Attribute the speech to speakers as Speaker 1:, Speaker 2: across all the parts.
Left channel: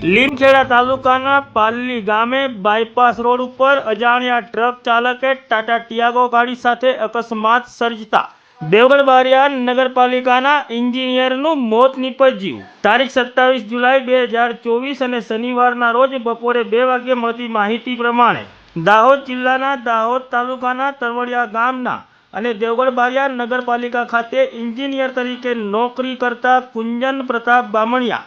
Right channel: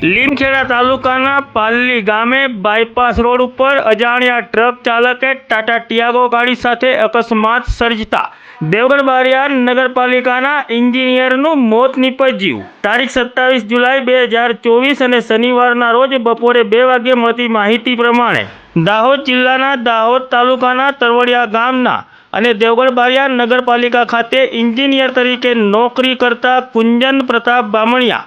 Speaker 1: લીમખેડા તાલુકાના પાલ્લી ગામે bypass road ઉપર અજાણ્યા ટ્રક ચાલકે ટાટા ટિયાગો ગાડી સાથે અકસ્માત સર્જતા દેવગઢ બારિયાર નગરપાલિકાના એન્જિનિયરનું મોત નીપજ્યું. તારીખ સત્તાવીસ જુલાઈ બે હજાર ચોવીસ અને શનિવારના રોજ બપોરે બે વાગ્યે મળતી માહિતી પ્રમાણે દાહોદ જિલ્લાના દાહોદ તાલુકાના તરવડિયા ગામના અને દેવગઢ બારિયાર નગરપાલિકા ખાતે એન્જિનિયર તરીકે નોકરી કરતા કુંજન પ્રતાપ બામણિયા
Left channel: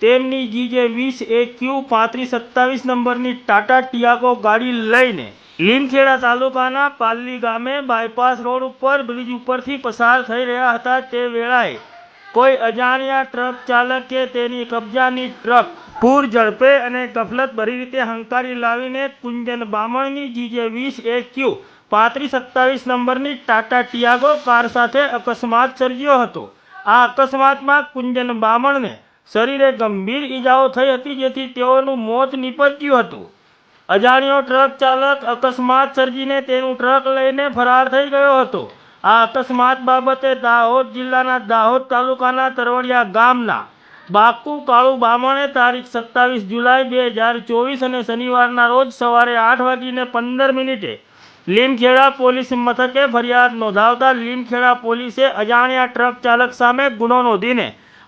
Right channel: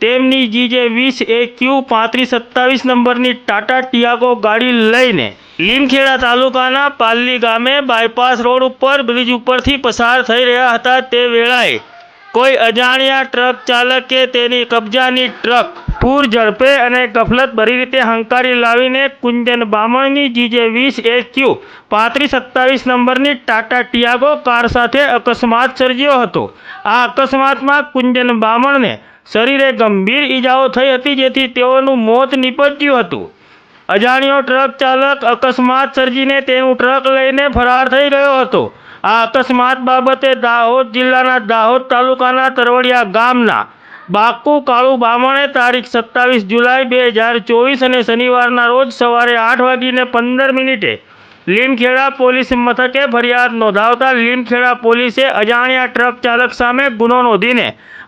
Speaker 1: તેમની જીજે વીસ એ ક્યુ પાંત્રીસ સત્તાવીસ નંબરની ટાટા ટિયાગો ગાડી લઈને લીમખેડા તાલુકાના પાલ્લી ગામે બાયપાસ રોડ ઉપર બ્રિજ ઉપરથી પસાર થઈ રહ્યા હતા. તે વેળાએ કોઈ અજાણ્યા ટ્રક ચાલકે તેની કબજાની ટ્રક પૂર ઝડપે અને ગફલત ભરી રીતે હંકારી લાવીને કુંજન બામણની જીજે વીસ એ ક્યુ પાંત્રીસ સત્તાવીસ નંબરની ટાટા ટિયાગો કાર સાથે અકસ્માત સર્જ્યો હતો. આ અકસ્માતમાં કુંજન બામણને શરીરે ગંભીર ઈજાઓ થઈ હતી જેથી તેઓનું મોત નીપજ્યું હતું. અજાણ્યો ટ્રક ચાલક અકસ્માત સર્જીને તેનું ટ્રક લઈને ફરાર થઈ ગયો હતો. આ અકસ્માત બાબતે દાહોદ જિલ્લાના દાહોદ તાલુકાના તરવડિયા ગામના બાકુ કાળુ બામણે તારીખ સત્તાવીસ જુલાઈ બે હજાર ચોવીસ અને શનિવારના રોજ સવારે આઠ વાગીને પંદર મિનિટે લીમખેડા પોલીસ મથકે ફરિયાદ નોંધાવતા લીમખેડા પોલીસે અજાણ્યા ટ્રક ચાલક સામે ગુનો નોંધીને